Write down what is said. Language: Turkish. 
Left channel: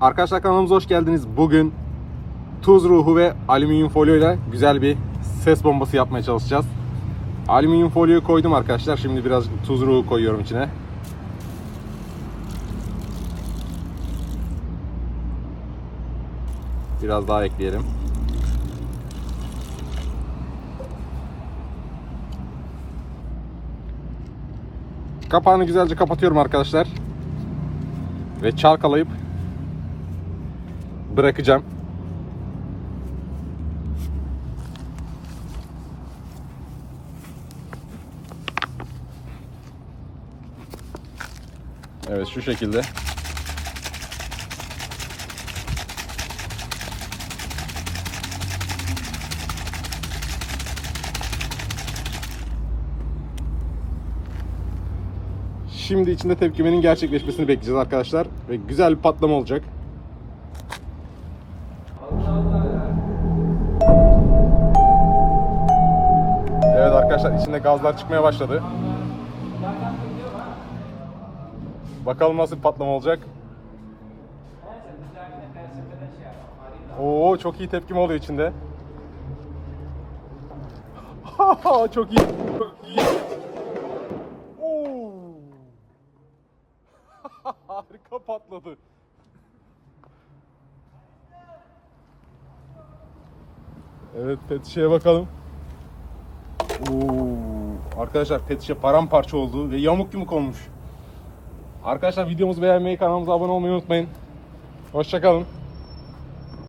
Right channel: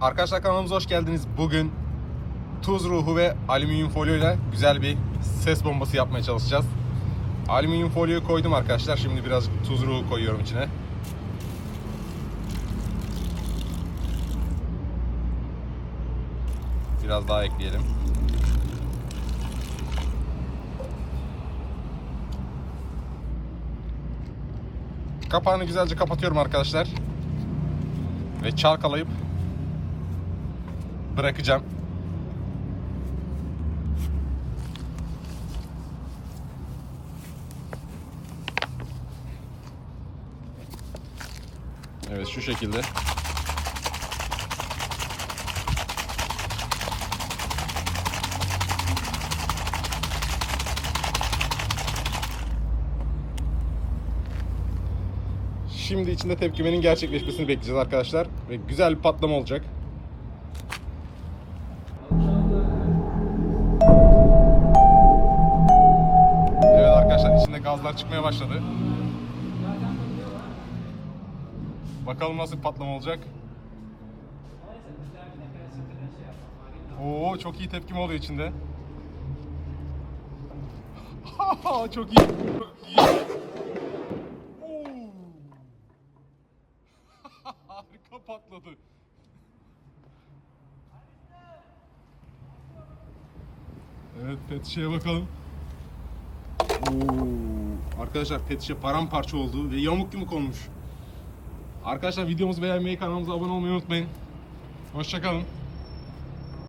Arkadaşlar kanalımıza hoş geldiniz. Bugün tuz ruhu ve alüminyum folyo ile güzel bir ses bombası yapmaya çalışacağız. Alüminyum folyoyu koydum arkadaşlar. Şimdi biraz tuz ruhu koyuyorum içine. Biraz daha ekleyelim. Kapağını güzelce kapatıyorum arkadaşlar. Ve çalkalayıp bırakacağım. Evet şu şekilde. Şimdi içinde tepkimenin gerçekleşmesini bekleyeceğiz arkadaşlar. Ve güzel bir patlama olacak. Arkadaşlar içinde gazlar çıkmaya başladı. Bakalım nasıl patlama olacak. Oo çok iyi tepkim oluyor içinde. çok iyi. Çok iyi. Harika patladı. Evet pet şişeye bakalım. Arkadaşlar pet şişe paramparça oldu ve yamuk yumuk olmuş. Arkadaşlar videomuzu beğenmeyi, kanalımıza abone olmayı unutmayın. Hoşçakalın.